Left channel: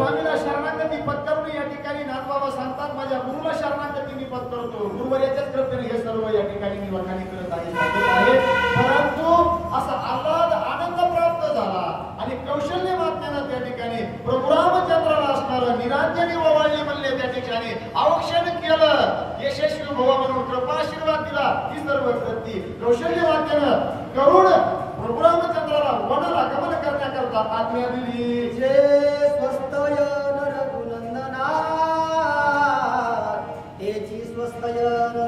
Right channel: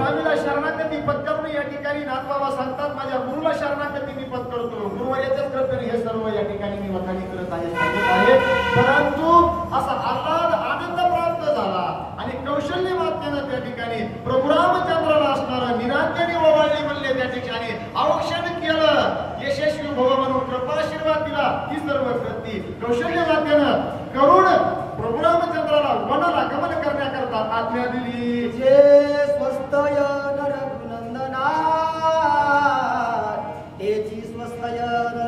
स्वामीला शरणागती पत्करून या ठिकाणी नाथबाबा सांगतात माझ्या गुरुला शरणागती मी पत्करतो. गुरुवर्याच्याच कृपेने हे सर्व या ठिकाणी मी वखाणी करत आहे. परंतु असा आल्हाद आनंद प्राप्त झाला आणि कौशल्य मातेनं त्या ठिकाणी प्रभू रामचंद्राला असणारं निरांजनी ओवाळणी म्हणले त्या ठिकाणी अवक्षण केलं. यशस्वी भव म्हणून कृपाशीर्वाद दिला. ही सर्व कृती कौशल्य मातेनं करून प्रभू रामचंद्राला वनाला गमन करण्याकरता आज्ञा दिली. जे स्वस्तय रघुनंदना तेची स्वस्तय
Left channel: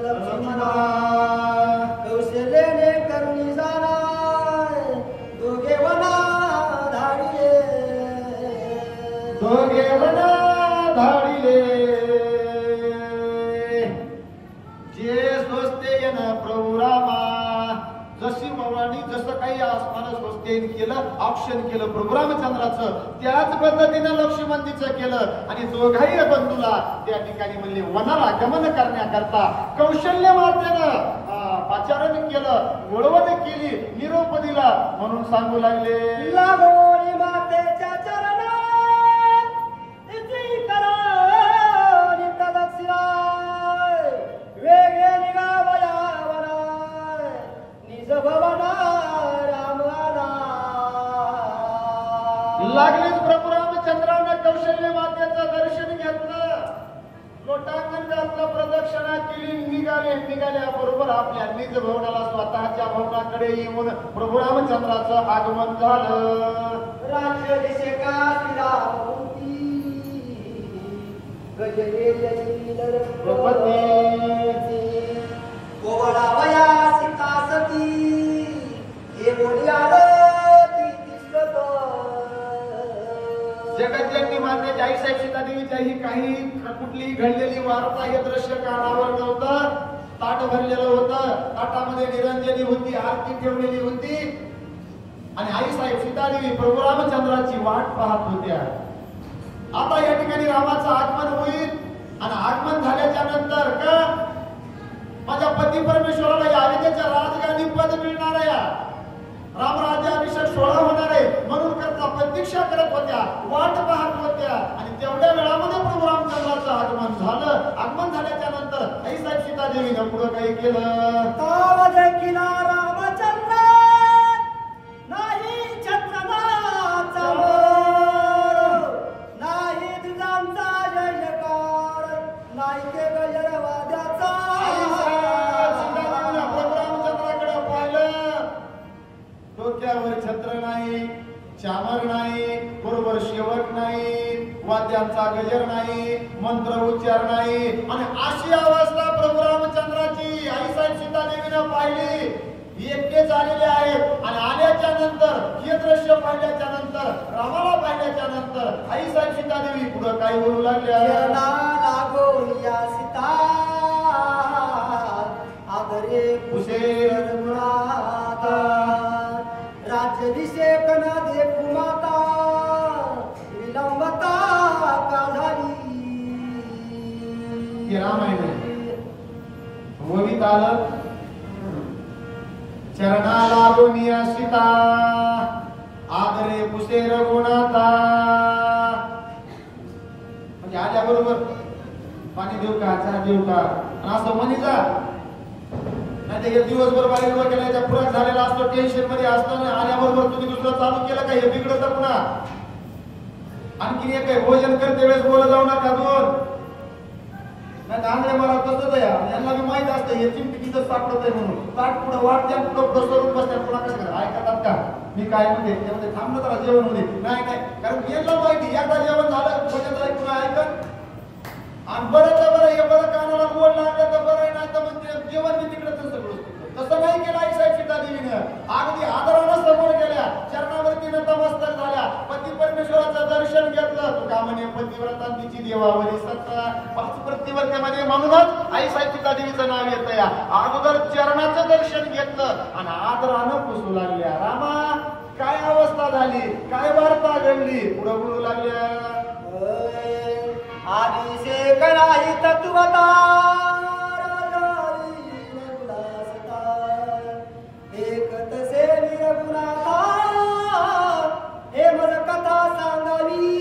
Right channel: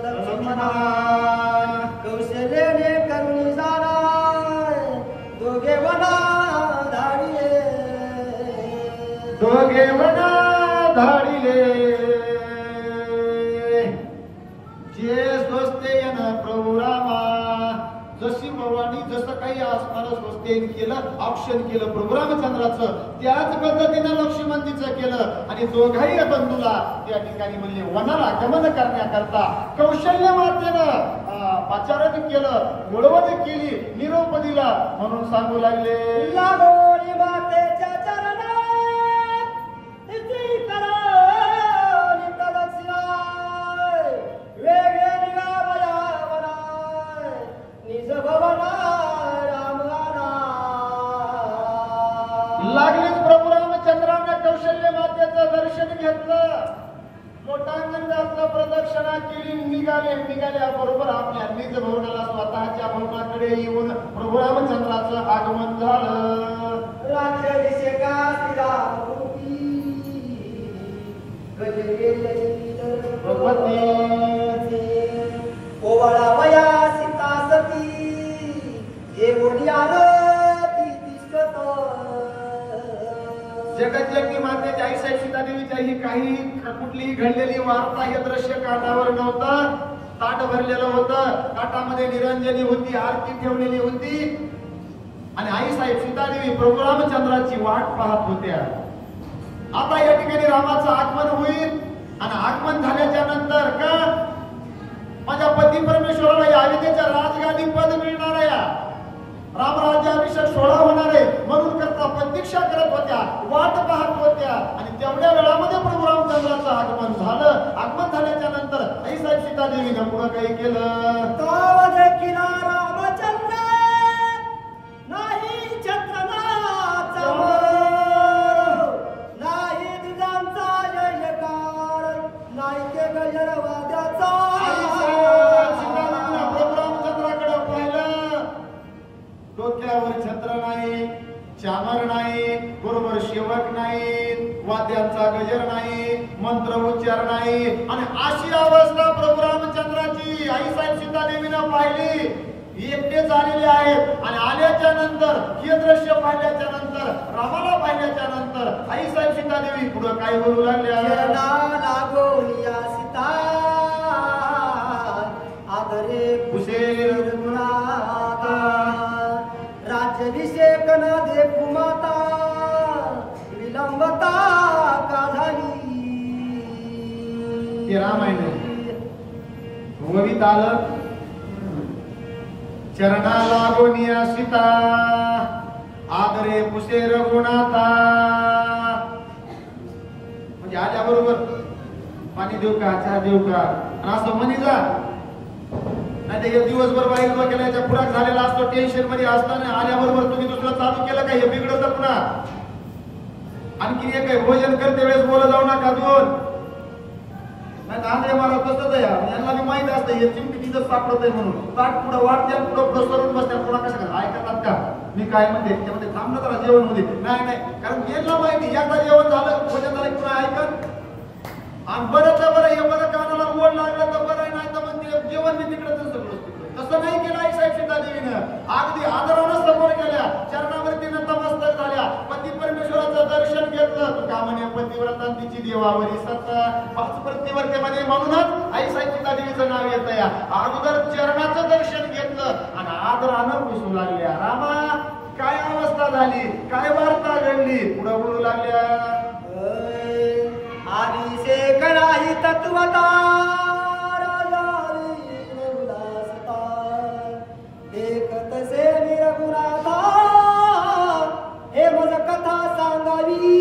लक्ष्मणा कौशल्याने करुणी जाणार दोघे वना धाडिले दोघे वना धाडिले. जे स्वस्तेन प्रभू रामा जशी भवानी जसं काही आसमान स्वस्तेन केलं ऑप्शन केलं प्रभू रामचंद्राचं त्याच पद्धतीनं लक्ष्मणजीचं केलं आणि दोघाही बंधूला त्या ठिकाणी म्हणले वनाला गमन करण्याकरता कौशल्य मातेनं पाचारण केलं मिळवण केली निरोप दिला म्हणून सांगू लागले. लागोरी मातेच्या चरणात इति करोनी तदक्षिणाय वेगे निघावया वनाय निज भवना रामना. लागलीच प्रभू रामचंद्राने कौशल्य मातेचं दर्शन घेतलं. लोटांगण घातलं प्रदक्षिणा केली निघाल्या बरोबर आपल्या निज भवनाला स्वतःच्या भवनाकडे येऊन प्रभू रामचंद्राचं आगमन झालं. राक्षसेका श्रीरामूर्ती गजवेल प्रपत्नी ओवळावया सीता सती हे बोली आरती दिसत. जगज्जननी मातेची आई साहेब सीता देवीची ही काही कुठलीही घडलेली वार्ता हे दृश्य कानावर नव्हतं. ताट भरलेलं होतं. ताटामध्ये निरंजनी होती आरती ठेवलेली होती आणि आई साहेब सीता देवी प्रभू रामचंद्राची वाट पाहत होत्या. आता या ठिकाणी रामाचं आगमन होईल आणि आगमन झाल्याच्या नंतर का माझ्या पती परमेश्वराला या अयोध्येच्या राजगादी पद मिळणार आहे. रामराज्याभिषेक सोहळा होणार आहे म्हणून करता प्रतीक्षा करत होत्या वाट पाहत होत्या आणि तेवढ्या वेळामध्ये प्रभू रामचंद्राचं आगमन झालं. आगमन झाल्याच्या नंतर आई साहेब सीता देवीनं पुढे काही केलं. तावज किला रामचंद्र नाही चंद्रनाचा नाही दिजांचा जयकार नाही के गजरवाद्याचा. प्रभू रामचंद्राकडे पाहिलं. डोक्यावर छत्र नाही चामर नाही बरोबर शेवट नाही वाद्यांचा गजर नाही मंत्र उच्चार नाही आणि अशी अवस्था प्रभू रामचंद्राची आई साहेब सीता देवीनं पाहिली. एकटे झालेले आहेत आणि आल्याच्या नंतर हे दृश्य पाहिल्याच्या नंतर रामाला पाहिल्याच्या नंतर आई साहेब सीता देवी पुढे काय बोलू लागल्या. लागोलिया सीता आदरे कुशेर गुणाता राज्याभिषेक न देखू माता विलंबता का झाली. रामायण ओवीत आलं. चरणा लागोनिया सीता आदरे कुशेर गुणाता. म्हणजे आल्या बरोबर पाणी देऊ का चहा देऊ का असं म्हणी जा. नाही ते दिवसभर बाहेर केल्याच्या फुराक झालेला असतो टेन्शन मध्ये असताना आल्याबरोबर तुम्ही दुसरं चालू केलं का हे बिघडत पुन्हा. आणखी एक भोजन करते वेळेस बोलत जाऊ नका दोन नाही आंधळे मला तसंच आहे. यांना मी माहित असतं हे चिमटी तिथं सापडत आहे म्हणून ताट पुढं वाटत्या पुढं सरून बसत्या पुन्हा कसं ऐकतात का मी काय म्हणते त्यामध्ये थांबलं तर जेवण मध्ये नाही कारण यांना माहिती एकदा जेवण झालं भोजन झालं पुन्हा ऐकत आणि बरं तर बरं हे बरं कानाला मोड लागलं तर बरं नाही तर मग जेवण मी तिकडे तसं नाही केलं आई साहेब सीता देवीनं. अगदी आदरानं समोर गेल्या चरणावरती नतमस्तक झाल्या पती परमेश्वराचं दर्शन घेतलं. तुका म्हणे पतिव्रतांची देवावरी सत्ता पाच प्रतिवर्त्यामध्ये म्हणूनच आई साहेब सीता देवीचं नाव येतं. या अगोदर चरणाचं दर्शन घेतलं आणि आदरानं पुसू लागल्या. रामा काय अवस्था झाली काय वार्ता घडली पुढे बोलू लागल्या. अभिषेक नाही तत्वता एकत से निरगुणाता हे मन कथा सांगावी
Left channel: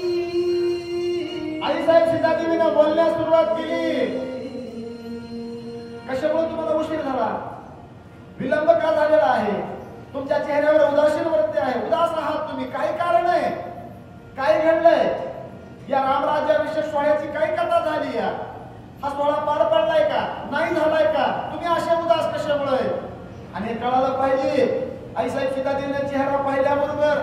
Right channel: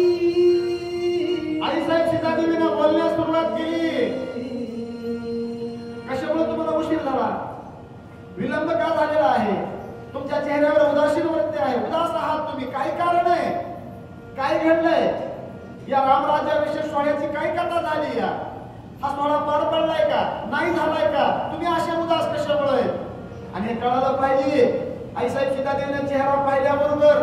या रामराज्याविषयी सोहळ्याची काय कथा झाली या? हा सोहळा पार पडलाय का? नाही झालाय का? तुम्ही असे उदास कशामुळे? आणि हे कळायला पाहिजे. आईसाहेब सीतादेवीने चेहरा पाहिल्याबरोबर,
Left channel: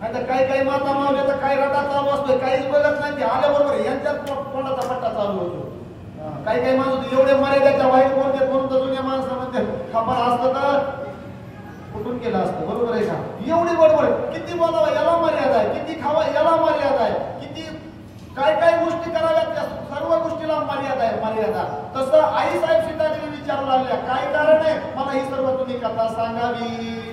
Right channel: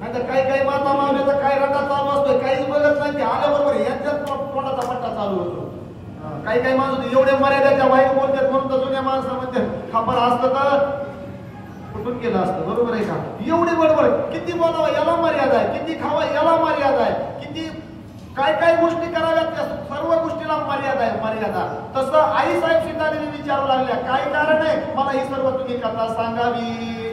नाही तर काही माता मावल्याचा काय रटा चालू असतोय, काहीच बघत नाही. ते आल्याबरोबर यांच्यात तोंडाचा पट्टा चालू होतो. काही माणूस एवढे मर्यादेच्या बाहेर बोलतात म्हणून तर जुन्या माणसामध्ये खापर असतं तर कुठून केलं असतं. बरोबर आहे का? एवढी बरोबर किती बोलावं याला मर्यादा आहे, किती खावं याला मर्यादा आहे, किती काय गोष्टी कराव्यात त्या सर्व गोष्टीला मर्यादा आहे. मर्यादा तसं आई साहेब सीतादेवी विचारू लागल्या, काय कारण आहे मला ही सर्व तुम्ही कथा सांगावी.